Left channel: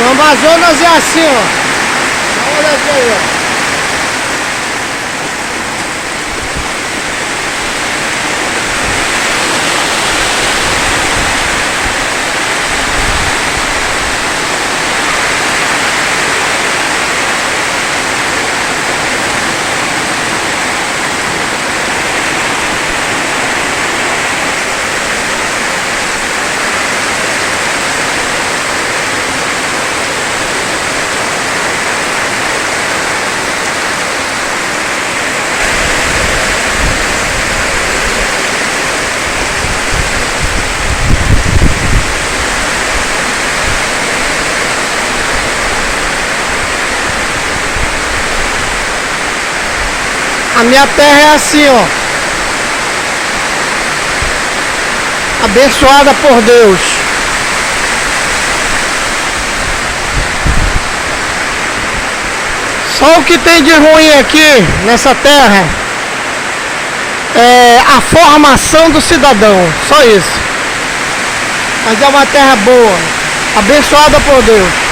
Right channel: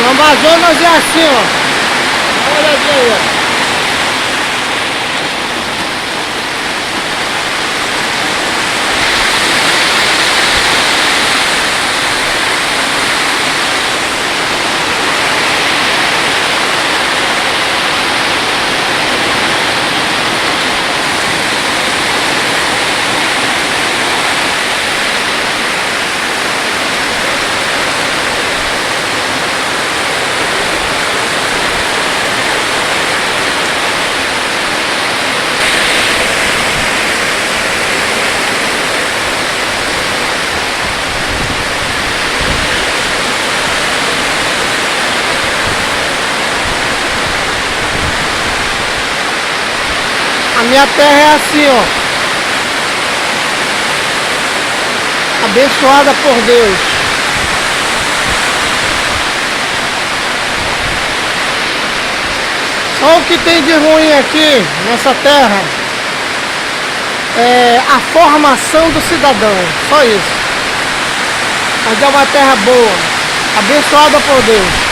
O Amazonas é assim, ó. Dá uma olhadinha aí, ó. A minha terra é assim, ó. Abençoada por Deus. Só o que tem de ruim aqui nessa terra é a formação do cidadão. Só isso. Mas é uma terra boa. Abençoada por Deus.